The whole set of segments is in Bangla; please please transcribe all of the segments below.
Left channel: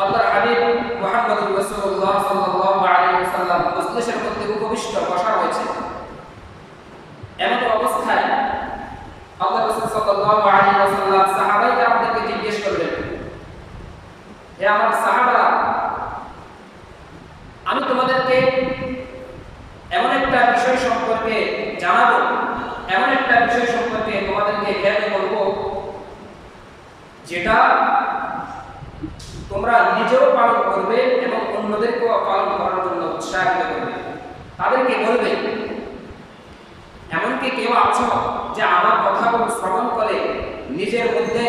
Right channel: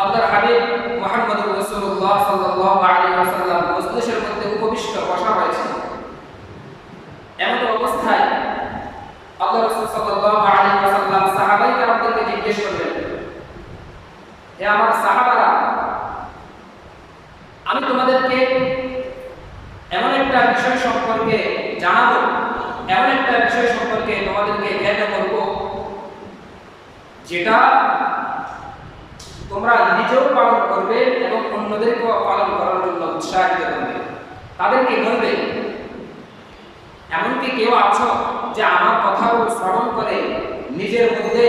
আল্লাহর হাবিব মুহাম্মদুর রাসূলুল্লাহ সাল্লাল্লাহু আলাইহি ওয়াসাল্লাম মজলিসের মধ্যে উপবিষ্ট বসা রয়েছে। এমন অবস্থায় আল্লাহ রাসূল সাল্লাল্লাহু আলাইহি ওয়াসাল্লাম সাহাবায়ে কেরামদেরকে জিজ্ঞেস করলেন হে আমার সাহাবারা, আমি তোমাদেরকে এমন একটা বিষয় সম্পর্কে জানাব, এমন একটা বিষয় সম্পর্কে তোমাদেরকে জ্ঞাত করব, যেটা তোমরা নিজেও পালন করবে এবং অন্যদেরকেও পালন করার জন্য উৎসাহিত করবে। তাদেরকে বলবে, এমনকি কেউ আছো যে আমার কথাগুলো শ্রবণ করে নিজের মধ্যে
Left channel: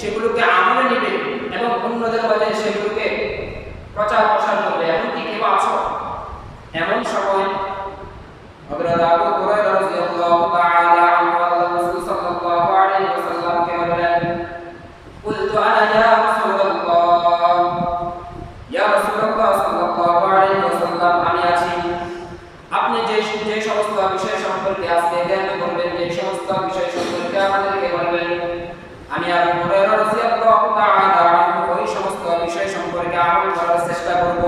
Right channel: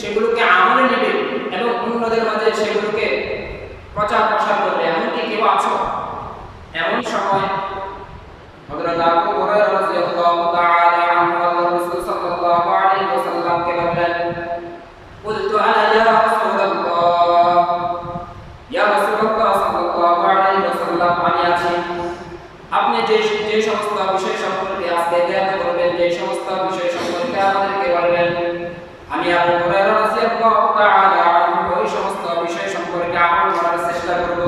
সেগুলোকে আমলে নেবে এবং অন্যদের মাঝে সেগুলোকে প্রচার প্রসার করবে। এমনকি কেউ আছো এমন সময় হযরত আবু হুরায়রা রাদিয়াল্লাহু তাআলা রাদিয়াল্লাহু তাআলা আনহু এই সমস্ত বিষয় সম্পর্কে আমল করার চেষ্টা করব।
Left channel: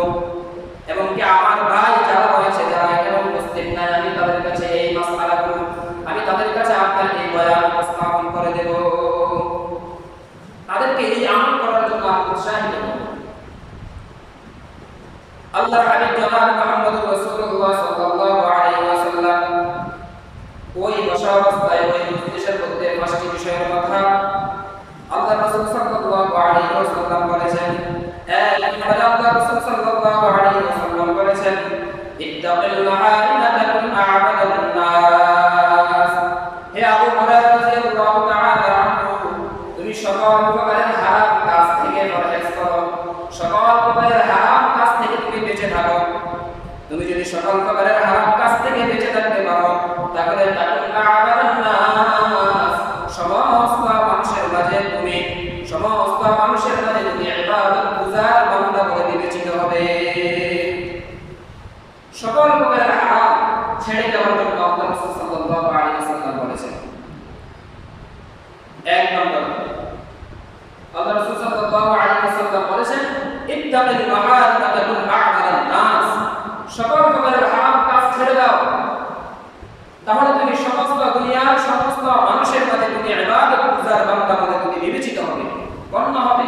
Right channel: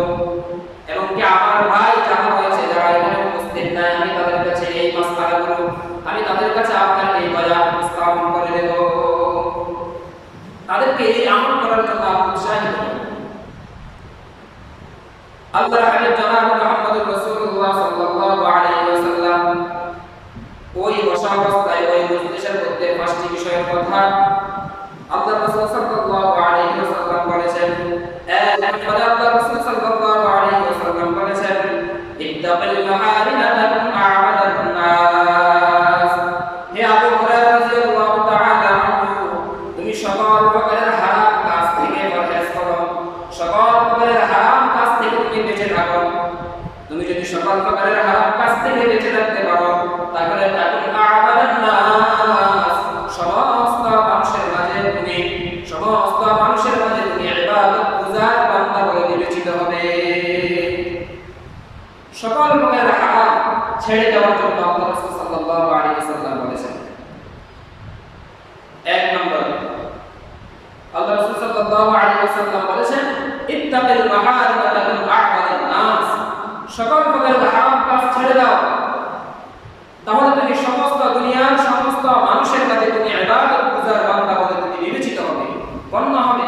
সকল হারাম কাজ থেকে বেঁচে থাকতে পারো। তাহলে তাকুন আ'বাদান সমস্ত মানুষের মাঝে তুমি, সমস্ত মানুষের মাঝে তুমি ইবাদত গুজার বান্দা বলে বিবেচিত হবে। সকল প্রকারের হারাম ছেড়ে দেওয়ার জন্য আল্লাহ রাসূল সাল্লাল্লাহু আলাইহি ওয়াসাল্লাম বলেছেন। এক নম্বর, আল্লাহ রাসূল সাল্লাল্লাহু আলাইহি ওয়াসাল্লাম বলেছেন, ইত্তাকিল মাহারিম তাকুন আ'বাদান নাস সকল প্রকারের হারাম কাজ ছেড়ে দাও তাহলে তুমি সমস্ত দুনিয়ার সমস্ত মানুষের মাঝে তুমি এবার পূজার বান্দা বলে তুমি বিবেচিত হবে, গণ্য হবে।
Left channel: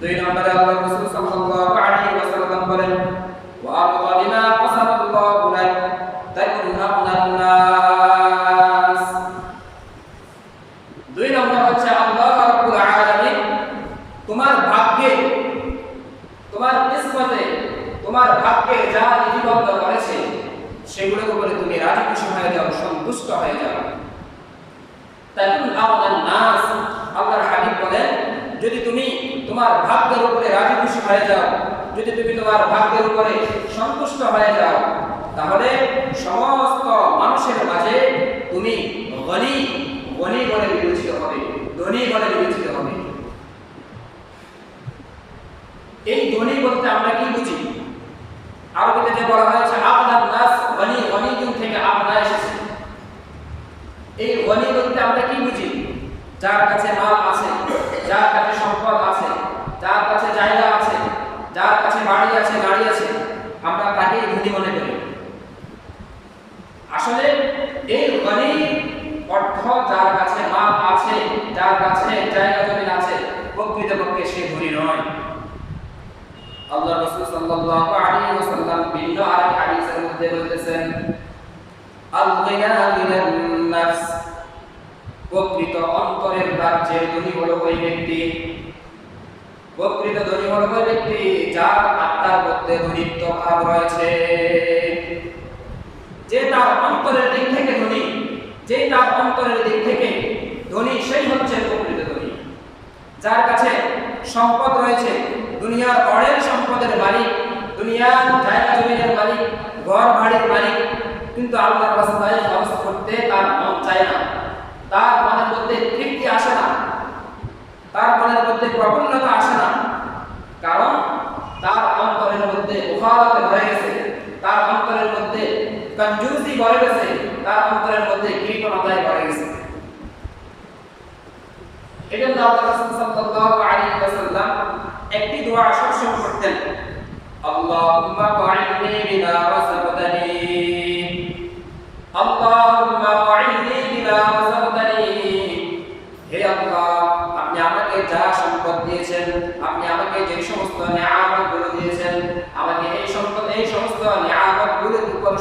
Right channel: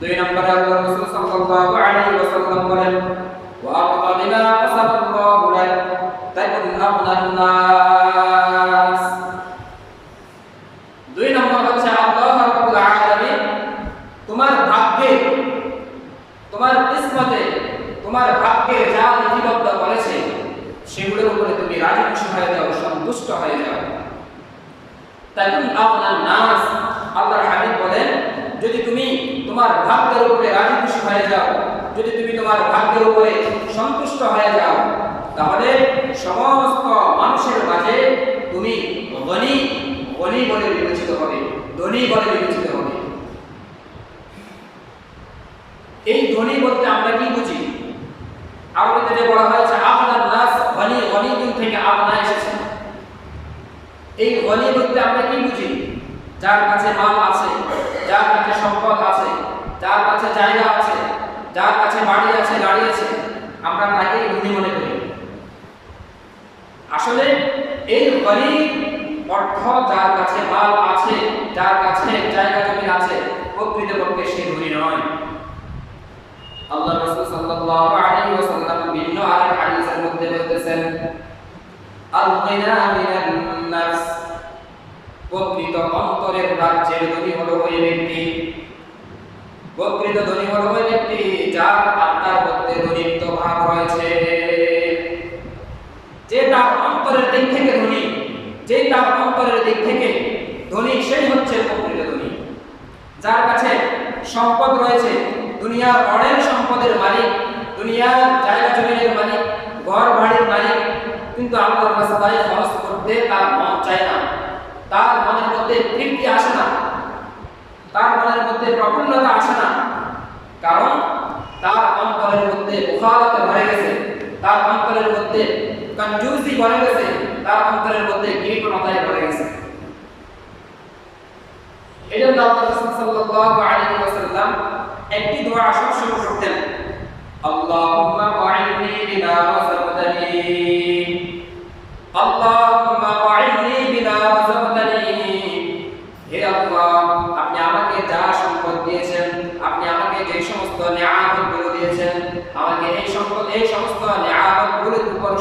দুই নম্বরে আল্লাহ রাসূল সাল্লাল্লাহু আলাইহি ওয়াসাল্লাম বলেন ওয়া আরদা বিমা কাসাবাল্লাহু লাক তাকুন আগনান নাস দুই নম্বর হচ্ছে আল্লাহ রাব্বুল আলামিন তোমার ভাগ্যে তোমার কিসমতে তোমার ভাগ্যে যা লিপিবদ্ধ করেছে সেগুলোর উপরে তুমি রাজি খুশি হয়ে যাও সন্তুষ্ট হয়ে যাও তাকুন আগনান নাস আল্লাহর হাবিব বলেন যদি তুমি তোমার ভাগ্যের উপরে রাজি খুশি হয়ে যাও। যদি তুমি তোমার ভাগ্যের উপরে সন্তুষ্ট হয়ে যাও, তাহলে সমস্ত মানুষের মাঝে তুমি গনি গনি বলে বিবেচিত হবে, ধনী বলে বিবেচিত হবে। এই ধনী বলতে আমরা কি বুঝি? আরবিতে যে বলা হয়েছে আপনার নাস গনি গনি থেকে আপনা এসেছে। এই গনি বলতে আমরা কি বুঝি? যার কাছে মাল আছে যার কাছে সম্পদ আছে যার কাছে জায়গা আছে যার কাছে বাড়ি আছে গাড়ি আছে আমরা তাকে ধনী মনে করি আসলে এই গনি অর্থ যার কাছে মাল আছে, যার কাছে জায়গা জমি আছে, প্রকৃতপক্ষে সে ধনী নয়। আল্লাহ রাসূল সাল্লাল্লাহু আলাইহি ওয়াসাল্লাম ভিন্ন আরেক হাদিসের মধ্যে বলতেছেন আল গিনা মিনান নাফস প্রকৃত অন্তরের রাজ্যের ধনী হলো ওই ব্যক্তি। প্রকৃত ধনী হলো ওই ব্যক্তি যার আত্মার মধ্যে ধনীত্ব ভাব রয়েছে। যে তার অন্তরের দিক থেকে ধনী, যে তার অন্তরের দিক থেকে ধনী, সেই হচ্ছে প্রকৃত ধনী। যার কাছে সম্পদ রয়েছে, দুনিয়ার অনেক সম্পদের মালিক, দুনিয়ার জায়গা জমিনের মালিক, ঘর বাড়ির মালিক, কিন্তু আল্লাহর রাস্তায় খরচ করতে তার মন চায় না। তার মনের মধ্যে তৃপ্তি আসে না। তার মনের মধ্যে প্রফুল্লতা আসে না। কারণ তার অন্তরের মধ্যে বুখারতে ভরে গেছে। তার অন্তরের মধ্যে কঞ্জুসি ভরে গেছে, তার অন্তরের মধ্যে কৃপণতায় ভরে গেছে। এটা আল্লাহ সাল্লাল্লাহু আলাইহি ওয়াসাল্লাম একটি দোয়া সবসময় করতেন, আল্লাহুম্মা ওয়াইনি বিমা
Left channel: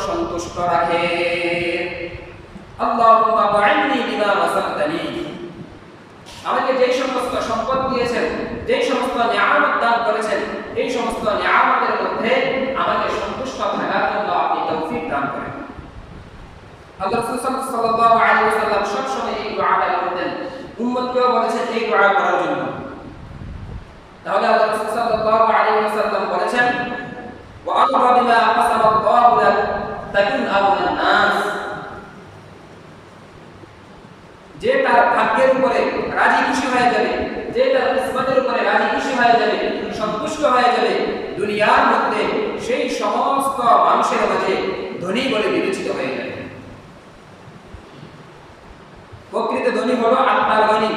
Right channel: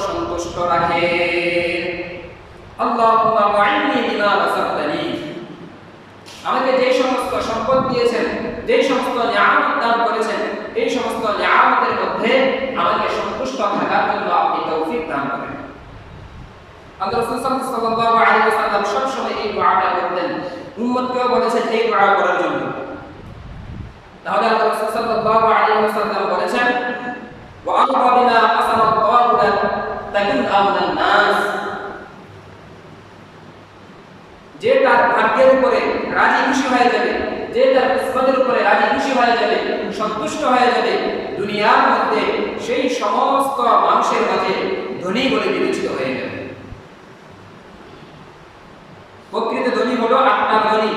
সন্তুষ্ট রাযাকতানি। আমাকে যে সমস্ত সম্পদ দিয়েছেন যে সমস্ত নিয়ামত দান করেছেন, এই সমস্ত নিয়ামতের মধ্যে আমাকে সন্তুষ্ট থাকার জন্য আপনি তৌফিক দান করেন। আল্লাহ এই করার জন্য। তাহলে তাকুন আওলান নাস। যে তার ভাগ্যের উপরে রাজি খুশি হয়ে যাবে, যে তার কিসমতের উপরে রাজি খুশি হয়ে যাবে, সন্তুষ্ট হয়ে যাবে, দুনিয়ার মধ্যে সেই সমস্ত মানুষের মাঝে ধনী বলে বিবেচিত হয়ে যাবে। প্রকৃত ধনী হলো আত্মার ধনী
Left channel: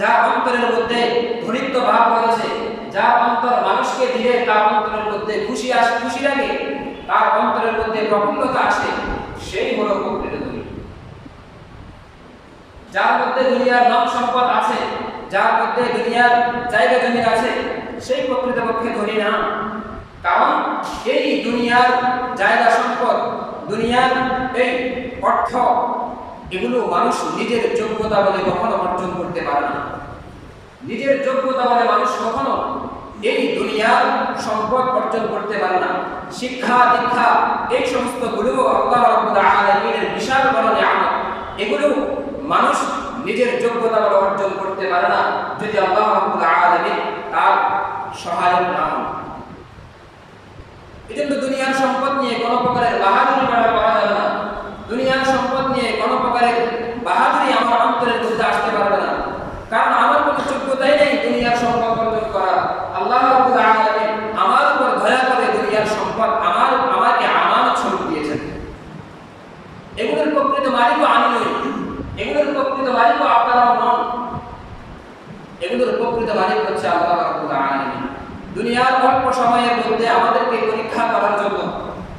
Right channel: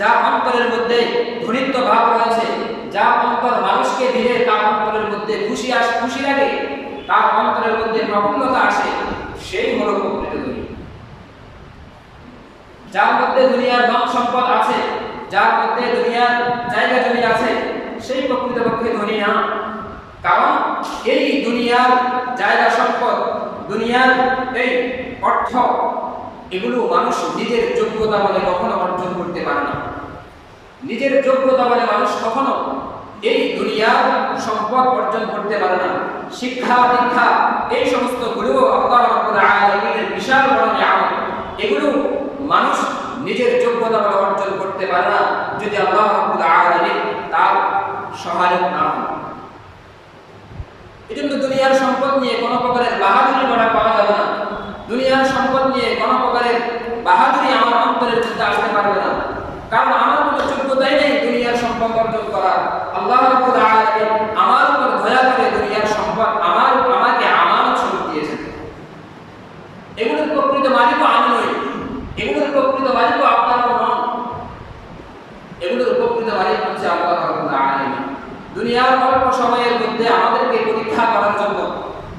যার অন্তরের মধ্যে ধনিত্ব ভাব রয়েছে, যার অন্তর মানুষকে দিলে তার অন্তরের মধ্যে খুশি আস খুশি লাগে। তার অন্তরের মধ্যে প্রফুল্লতা আসে, সেই হলো প্রকৃত ধনী যার মধ্যে দুনিয়ার ধন সম্পদ আছে, যার মধ্যে দুনিয়ার জায়গা জমি আছে, সেই প্রকৃতপক্ষে ধনী না। কারণ এই দুনিয়ার জায়গা সম্পদ, দুনিয়ার এই অর্থ, এগুলো মানুষ নিজের যোগ্যতা বলে কখনো অর্জন করতে পারে না। নিজের যোগ্যতা বলে মানুষ কখনো এই দুনিয়ার সম্পদ অর্জন করতে পারে না। শিক্ষা, দীক্ষা, এই সমস্তগুলো বিশাল বড় নিয়ামত। এগুলো মানুষ নিজের যোগ্যতা বলে অর্জন করতে পারে না যদি আল্লাহ রাব্বুল আলামিন তার সহায়ক না হন। এজন্য দুনিয়ার সম্পদ নিয়ে কোনো প্রকারের বাহাদুরি করা করা যাবে না। দুনিয়ার সম্পদ নিয়ে কোনো প্রকারের বাহাদুরি আমার অন্তরের মধ্যে আসতে পারবে না। কারণ আমার কোনো যোগ্যতাই নেই দুনিয়ার সম্পদ অর্জন করার আল্লাহ আলামিন আমার উপর দয়া করে দুনিয়ার সম্পদ আমার, আমাকে আমানত স্বরূপ দিয়েছেন। এগুলোর প্রকৃত মালিকও আমি নই। এগুলোর প্রকৃত আপনারাও নন। এগুলোর প্রকৃত মালিক হচ্ছে আল্লাহ আলামিন। দুনিয়ার অল্প সময়ের মধ্যে আমাদেরকে পরীক্ষা করার জন্য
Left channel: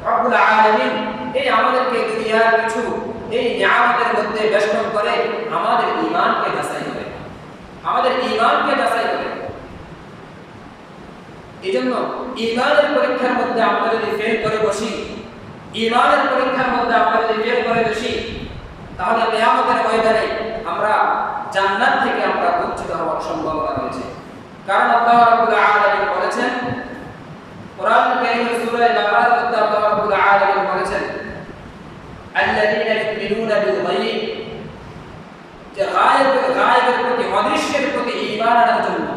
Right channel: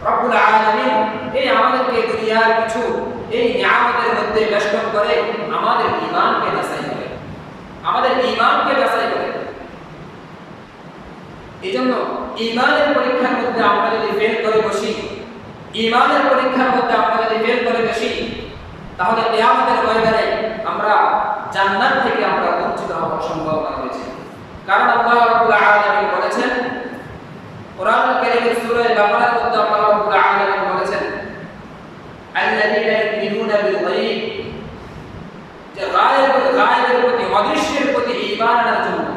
রব্বুল আলামিন এই আমাদেরকে দুনিয়ার কিছু, এই নিয়ামতের মধ্যে বেষ্টন করে আমাদের ঈমানকে যাচাই করে। আমাদের ঈমানকে যাচাই করে এজন্য ঈমানের পরীক্ষার মধ্যে আমরা যদি ফেল করে বসি ঈমানের পরীক্ষার মধ্যে আমরা যদি ফেল করে বসি, তাহলে কিয়ামতের ময়দানে আমরা জান্নাত থেকে আমরা বঞ্চিত হওয়ার সম্ভাবনা রয়েছে। কারণ আল্লাহ রাব্বুল আলামিন বলেছেন, কোরআন কারীমের সূরা বাকারার মধ্যে আল্লাহ রাব্বুল আলামিন বলেছেন, আল্লাযীনা ইউমিনুনা বিল গায়ব, যে গায়েব, গায়েবের প্রতি, অদৃশ্যের প্রতি ঈমান আনার জন্য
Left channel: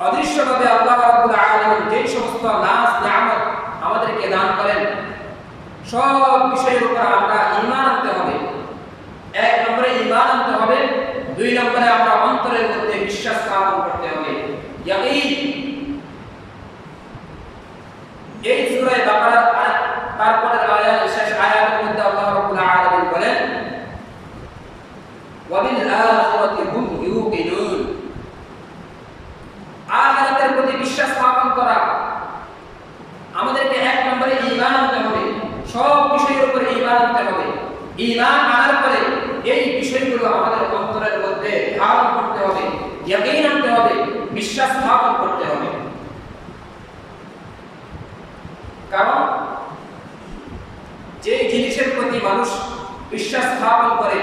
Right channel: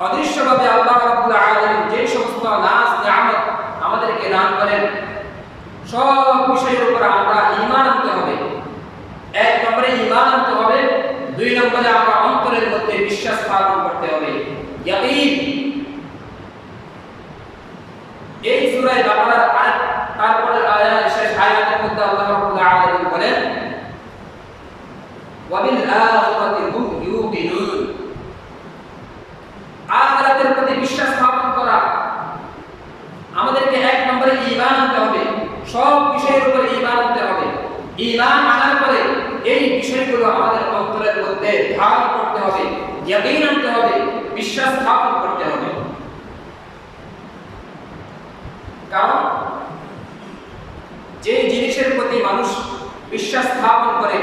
অদৃশ্যভাবে আল্লাহ রাব্বুল আলামিন যে সমস্ত নাজ নিয়ামত আমাদেরকে দান করেন সব বিষয়ের উপর আমরা ঈমান আনতে হবে এক নম্বরে ঈমান আনতে হবে দুই নম্বরে আমরা অন্তরের মধ্যে বিশ্বাস স্থাপন করতে হবে ইয়াকিন এই সূরায়ে বাকারার আয়াত তারপরের আয়াত শেষ আয়াতের মধ্যে আল্লাহ রাব্বুল আলামিন বলেন ওয়াবিল আখিরাতি হুম ইউকিনুন আখিরাতের প্রতি বিশ্বাস স্থাপন করা আমাদেরকে এক নম্বরে ঈমান আনতে হবে সব বিষয়ের উপরে ঈমান আনতে হবে ঈমান আনার পরে এই বিষয়গুলো আমাদের অন্তরের মধ্যে ধারণ করতে হবে ইয়াকিন আনতে হবে বিশ্বাস স্থাপন করতে হবে কারণ যে জিনিসের প্রতি মানুষ বিশ্বাস স্থাপন করে,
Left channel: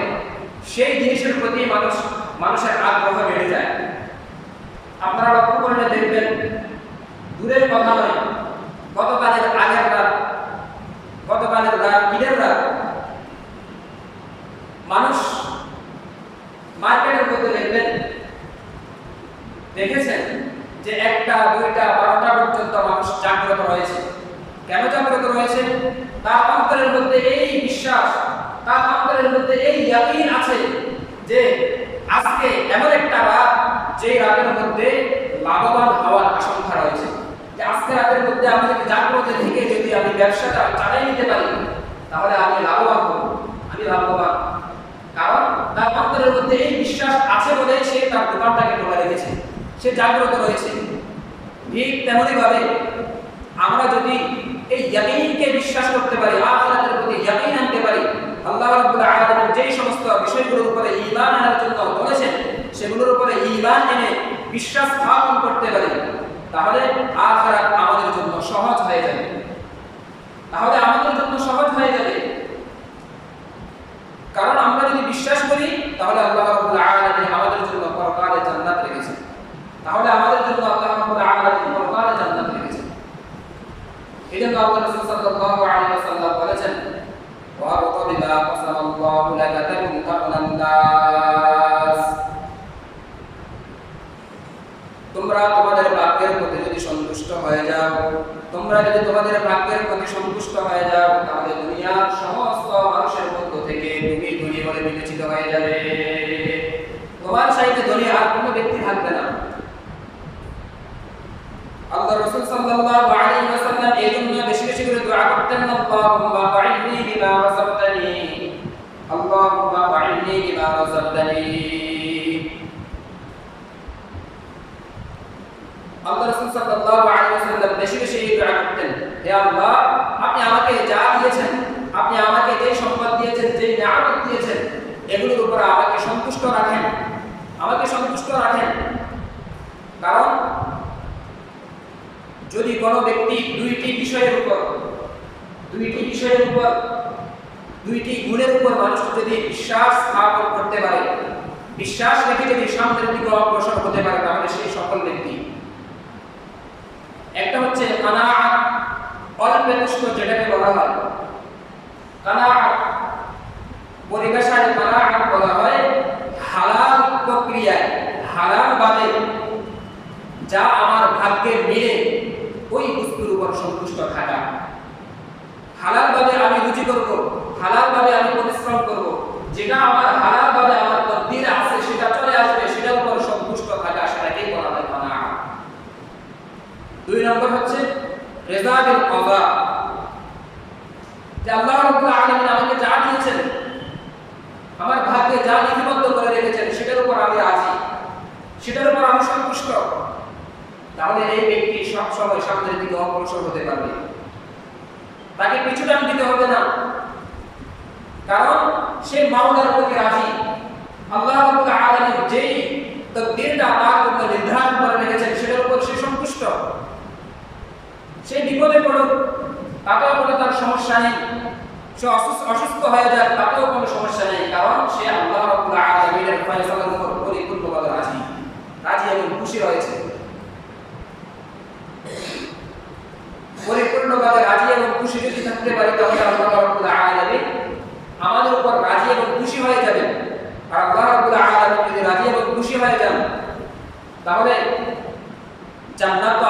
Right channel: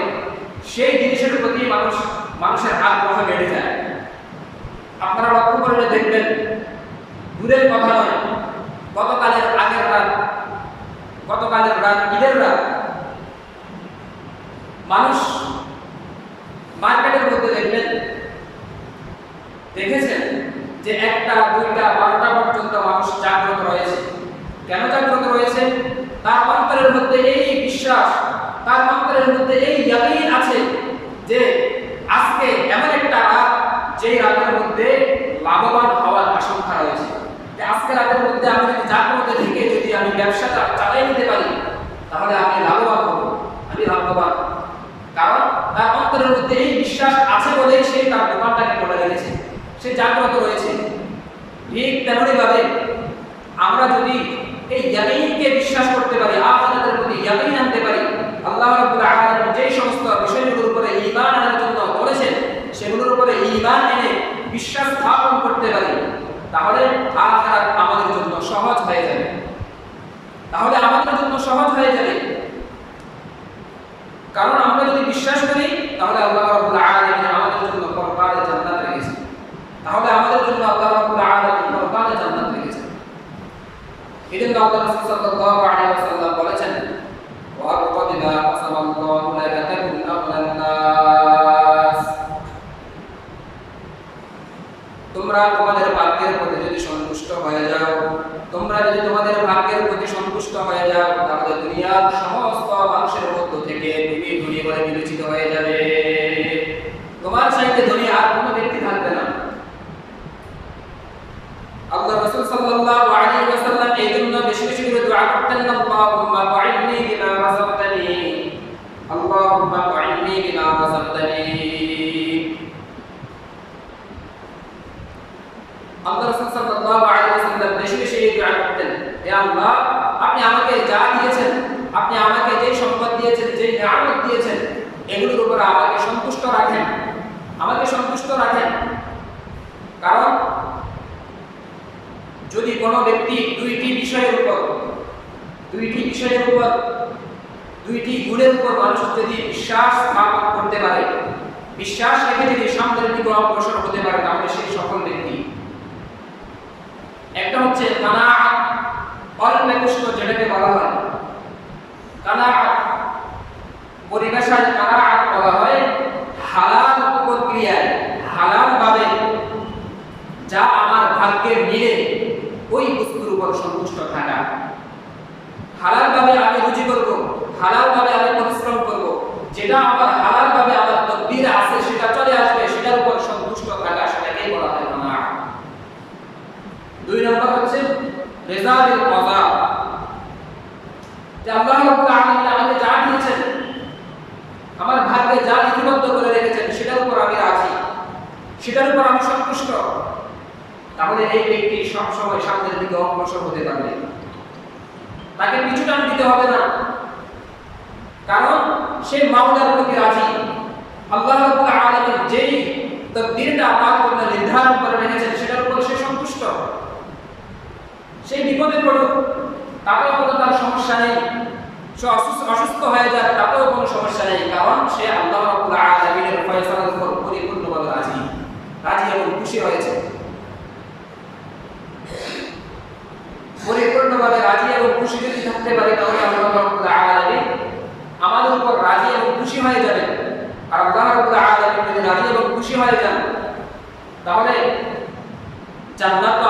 সেই জিনিসের প্রতি মানুষ, মানুষের আগ্রহ বেড়ে যায়। আপনারা লক্ষ্য করলে দেখবেন, দূরের কথা নয়, গতকালের আগের রাত, গতকালের রাত, ঈদের রাত, মানুষ মার্কেটের মধ্যে দেখবেন, দেখেছেন যে একটা, দুইটা, বারোটা পর্যন্ত মানুষ জাগ্রত রয়েছে। কেন জাগ্রত রয়েছে? তার অন্তরের মধ্যে এই বিশ্বাস, তার অন্তরের মধ্যে এই ইয়াকিন আছে যে আজকে এমন একটা রাত যে রাতের মধ্যে লাভবান হওয়ার আশঙ্কা রয়েছে। আজকে রাতের মধ্যে আমি যদি জাগ্রত থেকে যদি আমি ব্যবসাটা চালিয়ে নিতে পারি, তাহলে আমি লাভবান হব, আমি লাভবান। কারণ তার অন্তরের মধ্যে এই বিশ্বাস আছে বলেই সে তার দোকানটাকে খোলা রেখেছে, সে জাগ্রত রয়েছে। ঠিক তেমনই ভাবে আমরা যদি এই ইয়াকিনকে বিশ্বাস করতে পারি, আখিরাতের প্রতি ইয়াকিন আনতে পারি। আল্লাহ রাব্বুল আলামিন যেই সমস্ত বিষয়গুলোর উপরে ঈমান আনার জন্য বলেছেন সেগুলোর উপরে ঈমান এনে বিশ্বাস স্থাপন করতে পারি, তাহলে আখিরাত আমাদের জন্য সহজ হয়ে যাবে। তাহলে আমাদের জন্য সহজ হয়ে যাবে। কারণ আমরা যদি বিশ্বাস করি, তাহলে আল্লাহ রাব্বুল আলামিন আমাদের জন্য পরকালে জান্নাত রেখেছেন। তাহলে আমাদের জন্য আল্লাহ রাব্বুল আলামিন পরকালে জান্নাত রেখেছেন রাসূল সাল্লাল্লাহু আলাইহি ওয়াসাল্লাম বলেছেন। ওয়া আগনান নাস। তোমরা তোমাদের ভাগ্যের প্রতি যদি সন্তুষ্ট হয়ে যাও, তোমরা যদি তোমাদের ভাগ্যের প্রতি সন্তুষ্ট হয়ে যাও তাহলে দুনিয়ার সমস্ত মানুষের মধ্য থেকে তুমি ধনী বলে বিবেচিত হয়ে যাবে তোমার সাইতে ধনী আর কোনো ব্যক্তি থাকবে না আল্লাহ রাসূল সাল্লাল্লাহু আলাইহি ওয়াসাল্লাম এই জন্য বেশি বেশি করে দোয়া করতেন আল্লাহুম্মা ফাইন্নি বিমা রাযাকতানি আল্লাহুম্মা ফাইন্নি বিমা রাযাকতানি আল্লাহ রাসূল সাল্লাল্লাহু আলাইহি ওয়াসাল্লাম বেশি বেশি এই দোয়া করতেন। হে আল্লাহ, আপনি আমাকে যা দিয়েছেন, আপনি আমাকে সম্পদ দিয়েছেন নিয়ামত দিয়েছেন, এগুলোর উপর আমাকে সন্তুষ্ট রাখেন। আমাকে সন্তুষ্ট রাখেন। কারণ যদি কোনো ব্যক্তি দুইটি বিষয়ের উপর, দুইটি বিষয়ের উপর, দুইটি গুণের উপর মানুষ যদি বিশ্বাস স্থাপন করতে পারে, বিশ্বাস রেখে যদি সামনের দিকে অগ্রসর হতে পারে, তাহলে সেই সকল ব্যক্তি একটা হচ্ছে কানাআত অল্পেষ্ট যেটাকে বলা হয়। কানাআত, পরিবেশায় কানাআত বলা হয় হালাল প্রক্রিয়ায় হালাল ভাবে যা আমার ভাগ্যে মিলে ওই বস্তুর উপর সন্তুষ্ট থাকা। হালাল ভাবে আমি রুজি করব, হালাল ভাবে আমি পরিশ্রম করব, যেটা আমার হালাল ভাবে আমার তকদিরে আছে, সেটা চলে আসবে, সেটার উপর সন্তুষ্ট থাকা সেটাকেই বলা হয় কানাআত দুই নম্বর হচ্ছে রেজা বিল কযা যে আল্লাহ রাব্বুল আলামিন আমাকে যা দিয়েছেন, আমার ভাগ্যে যা লিপিবদ্ধ করে রেখেছেন, সেটার উপর আমি রাজি। সেটার উপর আমি সন্তুষ্ট। তাহলে এই ব্যক্তি সব সময় সামনের দিকে অগ্রসর হতে পারবে। তাকে পিছু টান দিতে হবে না। কারণ সে মাওলার প্রতি রাজি। আল্লাহ রাব্বুল আলামিন যেই তকদীরটা তার জন্য নির্ধারণ করে রেখেছেন সেটার উপর সে সন্তুষ্ট সেই বিপদে পড়ুক, তাতেও কোনো তার সমস্যা নেই। সে অসুস্থ হয়ে যায় তাতেও কোনো সমস্যা নেই, কারণ সে আল্লাহ উপর পরিপূর্ণভাবে রাজি রাজি এবং খুশি পরিপূর্ণভাবে রাজি এবং খুশি যদি থাকতে পারি, তাহলে আল্লাহ রাব্বুল আলামিন আমাদের উপর রাজি এবং খুশি হয়ে যাবেন। আর আল্লাহ রাব্বুল আলামিন যদি রাজি এবং খুশি হয়ে যান, তাহলে জান্নাত